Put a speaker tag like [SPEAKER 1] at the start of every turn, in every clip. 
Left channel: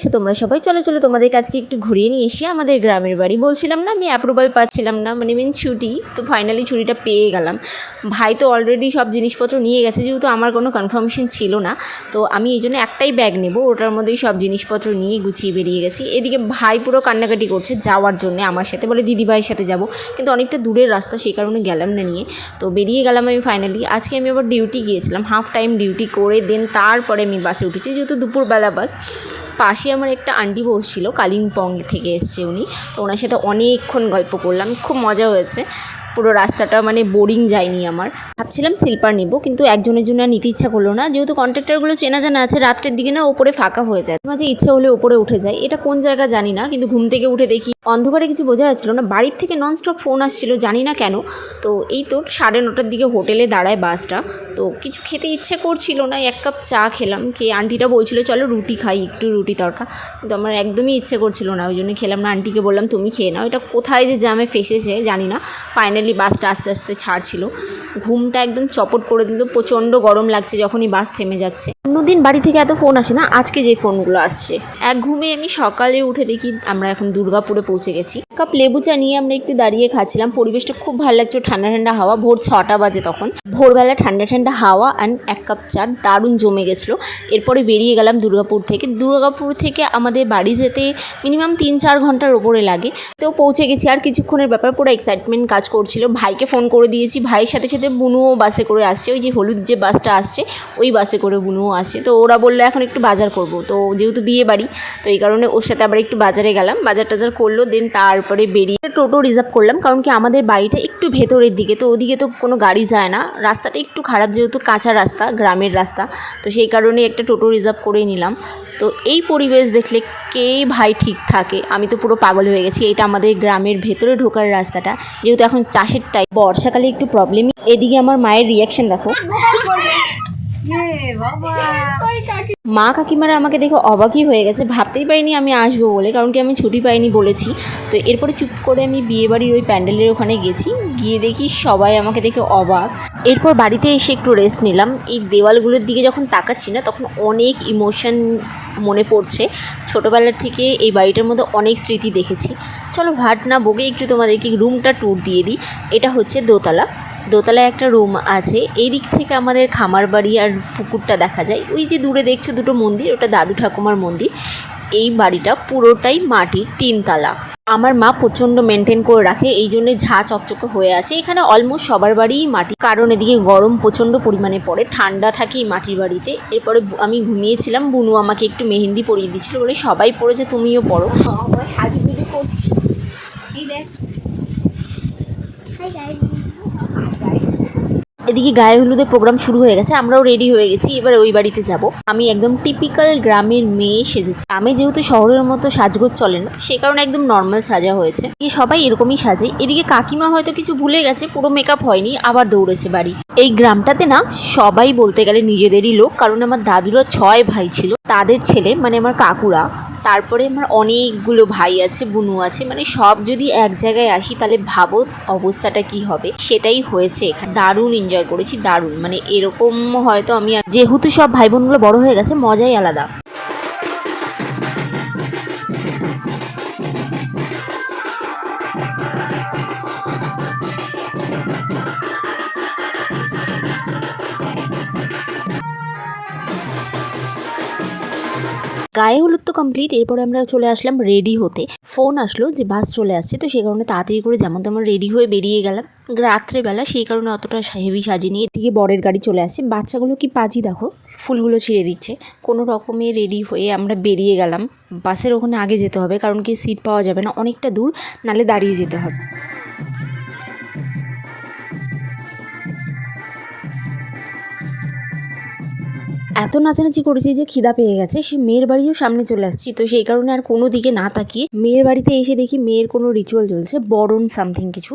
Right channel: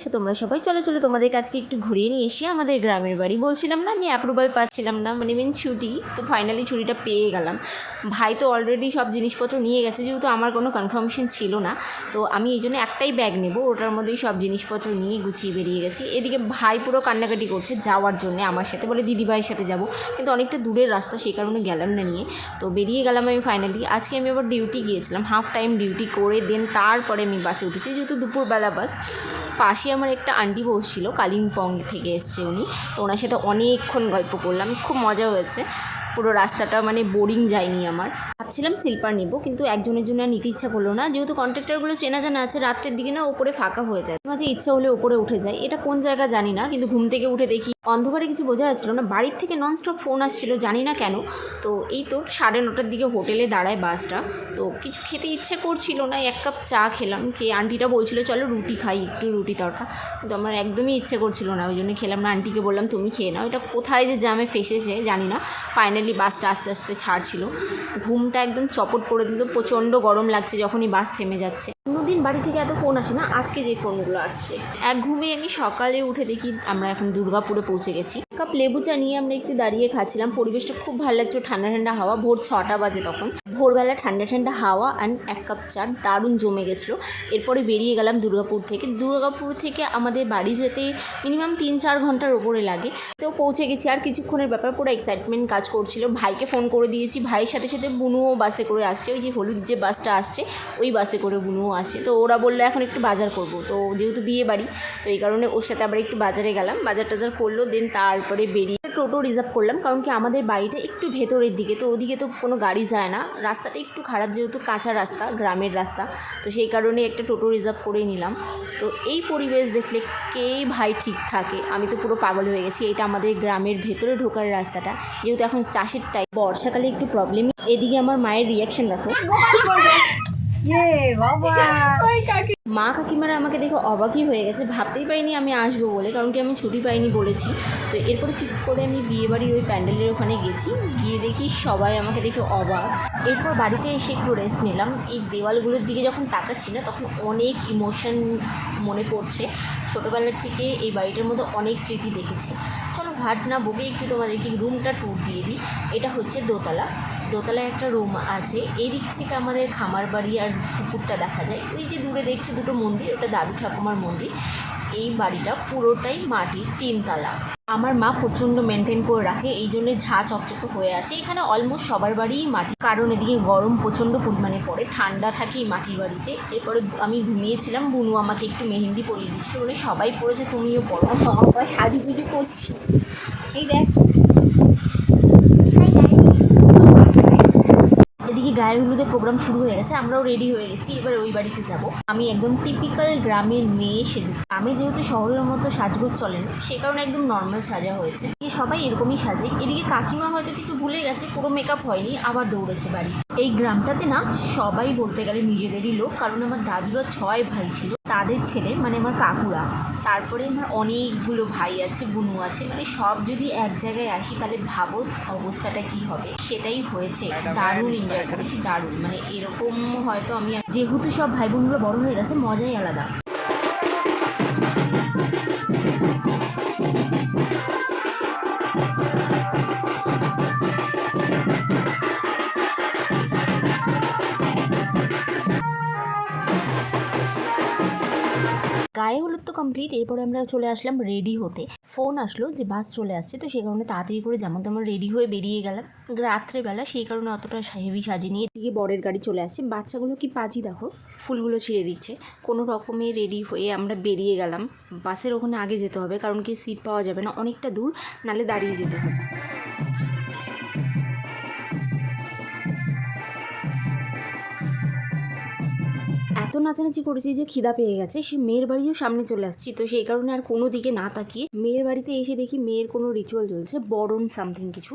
[SPEAKER 1] দেখছ, তোমরা সবাই। চলো চলো তোমাদের কাছকে একটু ঘুরিয়ে নিয়ে এসে আমাদের গ্রামের বাড়ি। বলছিলাম না, আমি অ্যাপ্রুভাল পাচ্ছিলাম না মানে মেন ছুটি, তো ফাইনালি ছুটিটা পেয়ে গেলাম। ভাই তো অলরেডি সব জিনিসপত্র নিয়ে গেছে, যেহেতু আমার কোনো কনফার্মেশন ছিল না, তো আমি এই জন্য একটাই ব্যাগ নেব, ওটার মধ্যেই সব জিনিসপত্র নিয়ে গুছিয়ে বেরিয়ে গেছি। এদিকে ভাই পুরো কান্নাকাটি করছে যাওয়ার জন্য, আমার সাথে বলে দিদি ভাইয়ের সাথে যাব। কিন্তু অনেকটা দূরের রাস্তা, সেই কারণে গেলাম না নিয়ে। তো বেরিয়ে গেলাম আমি ফাইনালি আজকে আমি আবার ডিউটি গিয়েছিলাম হাফ টাইম ডিউটি করে দেন তারপরে আমি বাসে উঠেছি, যেহেতু দুপুরবেলা বাস পাশে আমার একটা আন্টি বসছিল কালিম্পং থেকে এসছে উনি। তো ওনার সাথে অনেকক্ষণ গল্প করলাম, খুব মজা হয়েছে। পুরো রাস্তাটা মানে বোরিং যায়নি আমার। ভাবছিলাম স্লিপার নিব, কিন্তু একজনের জন্য নিতে ইচ্ছা করল না। যেহেতু কন্ট্রাক্টরগুলো চেনা জানা আছে, রাত্রের দিকে না ওপরে ফাঁকা হয়ে যায়। মাঝে ইচ্ছা হলে ওপরে উঠে যায়। এটা কোন জায়গা জানি না, কিন্তু ঘুম থেকে উঠে দেখি অন্ধকারে কিছু বোঝা যাচ্ছিল না। বাড়ির থেকে ননস্টপ ফোন আসছিল, জানি না কেন। তো এই তো সাড়ে নটার দিকে হোটেলে দাঁড়ায় বাসটা। তো কিছু খেতে ইচ্ছে করছিল না, এক কাপ চা খেলাম, খেয়ে আন্টিটা বলছিল, চলো রুটি খাই, একটু রুটি তরকা। কিন্তু আমার একদমই ইচ্ছে করছিল না, ওই জন্য খেলাম না। আন্টিকে বললাম, তুমি খেয়ে নাও। এটা কোথায় যে জ্যামে ফেসেছে, জানি না। ফাইনালি বাসটা আস্তে আস্তে ছাড়ছিল। ঘুমটা একদম চপট করে দিল, প্রচণ্ড গরম লাগছে যখনই বাস থেমে যাচ্ছে। অন্যদিন বাড়ি থেকে এত ফোন আসে না, আজকে যে ফোনগুলো আসছে। এক ঘুমে আমি সকালে উঠে দেখি আমরা এখন দুর্গাপুরে পৌঁছে গেছি। কাপ লেবু চা নিয়ে আমরা একটু দাঁড়িয়ে খাচ্ছিলাম। পরিবেশটা খুব ভালো লাগছে ঠান্ডা ঠান্ডা হাওয়া, ভোর ছটা বাজে তখন। ভোরবেলা ঠান্ডা ঠান্ডা হাওয়া অ্যান্ড এক কাপ চা, দারুণ জমে গেছিল। এরপরে বেরিয়ে গেলাম দুর্গাপুর থেকে। দুর্গাপুর থেকে আমাদের বাড়ি যেতে মিনিমাম তিন চার ঘণ্টার ওপরে লাগে। তো পৌঁছে গেছি আর কিছুক্ষণের ব্যাপার, পুরো এক্সাইটমেন্ট কাজ করছিল। ভাইকে ফোন করে দিয়েছি। ভাইয়ের সাথে সাথে বুনুও বাসে করে আসছে। ওই যে হলুদ যে বাসটা আসছে, ওই বাসে করে বুনুও আসছে। তো ওরা বলল, এখন একটু বাজার করব। তো যেহেতু বিয়ে বাড়ি, তো এই কারণে ওর সাথে আবার একটু বাজারে গেলাম। বাজার টাজার করল দেন তারপরে বেরিয়ে টোটো রিজার্ভ করলাম, কারণ কি আমাদের বাড়িটা একটু ভেতরের দিকে, তো ওদিকে তো কোনো গাড়ি যায় না। রাস্তাটা একটু খারাপ, যেহেতু কাঁচা রাস্তা, গ্রামের রাস্তা, তো সেই কারণে একটা টোটো রিজার্ভ করে নিলাম। তো এই পরিবেশ দেখলে কে ভাই ঠিক থাকে? আমি তো পুরো পাগল হয়ে গেছি। এটা আমাদের গ্রামের ভেতরে ঢোকার রাস্তাটা। যেহেতু এখন চাষের টাইম বর্ষাকালে একটু প্রবলেমই এদিকে আমার মায়ের রিয়াকশন দেখো। মা কাকিমারা আমাকে দেখে অবাকই হয়ে গেছে। ভাবতেই পারিনি আমি আসব বলে, কারণ কি আমি ছুটি পাইনি বলেছি। তো এরপরে চুপ করে আমি বিয়েবাড়ির ওই প্যান্ডেলের ওখানে গেছি। গিয়ে দেখি সবাই আমাকে দেখে অবাক। এরপর বাড়িতে এসে একটু রেস্ট নিলাম। এই দেওয়ালগুলোর দিকে যখন তাকাচ্ছি না, তখন অনেক ইমোশন মনে পড়ছে। ছোটোবেলার থেকে এই বাড়িটার মধ্যে অনেক স্মৃতি দেখেছি। চলো ভাট না বকে একটু তোমাদেরকে রুমটা ট্যুর দিয়ে দিই। এটা হচ্ছে দোতলা। দোতলায় একটা রুম আছে। এই দিক থেকে আমাদের খামার বাড়ি আর পুকুরটা দেখা যায়। ওই যে দূরে দেখছ দুটো মন্দির ওটা দাদু ঠাকুমার মন্দির। এই বাড়িটা পুরোটাই মাটির তিনতলা। আমার মা প্রচণ্ড মেনটেন করে রাখে এই জন্যে ঝা চকচকে হয়ে আছে। এখানে অলমোস্ট সবার বাড়িই মাটি। কারণ এদিকে গরম প্রচণ্ড পরিমাণে পড়ে ঠান্ডা থাকে এই মাটির বাড়িতে। এরপরে আমি ঘুমিয়েছিলাম বুনু আমাকে একটু মেহেন্দি পরিয়ে দিচ্ছিল বলে সবাই পড়েছে তুমিও পড়ো। সাজুগুজু করছি। এই দেখ। এদিকে গায়ে হলুদের প্রোগ্রাম শুরু হয়ে গেছে, আমরাও রেডি হয়ে গেছি, এবার ওই বাড়িতে যাব। আমি একদম টিপিক্যাল গ্রামের মেয়ে সেজেছি। আমি যেহেতু শহরের মতো সাজগোজ চলে না, সে কারণে একদম নর্মাল সাজা হয়েছে। সবাই এরকমই সাজে। এদিকে কাকিমা হয়তো কিছু ভুলে গেছে, পুরো মেকআপ হয়নি, আবার দৌড়েছে বাড়ি। এই গ্রামটাতে না সবাই বলতে গেলে নিজেদেরই লোক। কারণ আমার দাদুরা ছয় ভাই ছিল, তাদের ছেলে মানে আমার কাকুরা। তারপরে আমার অনেকগুলো ভাই আছে, বুনু আছে মানে সব যদি এক জায়গায় আসি তাহলে ভাবো অবস্থাটা কি হবে। সেটাই হয়েছে এখানে। দারুণ এনজয় করেছি, দারুণ। মানে এরকম হয়তো আমি যেহেতু সব ভাই বোনগুলো বড় হয়ে গেছে, মজাই আলাদা। গায়ে হলুদ তো কমপ্লিট এরপরে আমরা চলে আসলাম রেডি হতে। ফোন আসলো যে বাস চলে আসছে, তো সেই কারণে তাড়াতাড়ি করে যেমন তেমন রেডি হয়ে বেরিয়ে গেলাম। রাত্রেবেলা সেই কারণে অতটা হেভি সাজিয়ে নিয়ে এদিকে বরের গাড়ি চলে আসছে। বাচ্চাগুলো কি পাজি দেখো? ফুলগুলো ছিঁড়ে দিচ্ছে। কোনো রকমে রেডি হয়ে আমরা বেরিয়ে গেলাম। বাসের ওখানে আগে যেতে হবে, কারণ কি সিট পাওয়া যাবে না। অনেকটা দূর নালে দাঁড়িয়ে যেতে হবে। এত নাচানাচি করেছি যে খিদা পেয়ে গেছে, সে মেয়ের বাড়িও সামনে চলে আসছি। তো সেই কারণে আর কোনো দিকে না তাকিয়ে মেয়ের বাড়িতে এসে দেখি মেয়ের কোনো রিচুয়াল চলছে, বরণ সামথিং কিছু।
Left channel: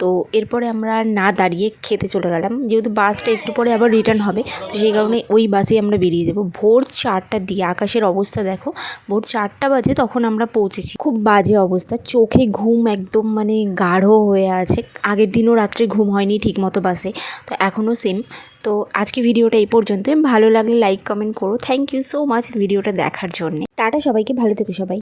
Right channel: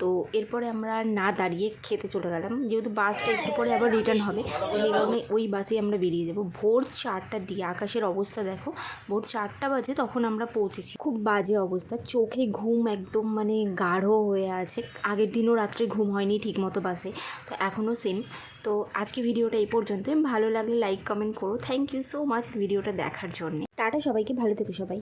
[SPEAKER 1] তো এরপরে আমরা না দাঁড়িয়ে খেতে চলে গেলাম, যেহেতু বাসটা একটু পরে আবার রিটার্ন হবে, তো সেই কারণে ওই বাসেই আমরা বেরিয়ে যাব। ভোর চারটার দিকে, আকাশের অবস্থা দেখো, ভোর চারটা বাজে তখন আমরা পৌঁছেছি। খুব বাজে অবস্থা, চোখে ঘুম একদম মানে গাঢ় হয়ে আছে। আগের দিনও রাত্রে ঘুম হয়নি ঠিক মতো বাসে তো এখনও সেম তো আজকে ভিডিওটা এই পর্যন্তই। ভালো লাগলে লাইক কমেন্ট করো। থ্যাংক ইউ সো মাচ ভিডিওটা দেখার জন্য। টাটা সবাইকে, ভালো থেকো সবাই।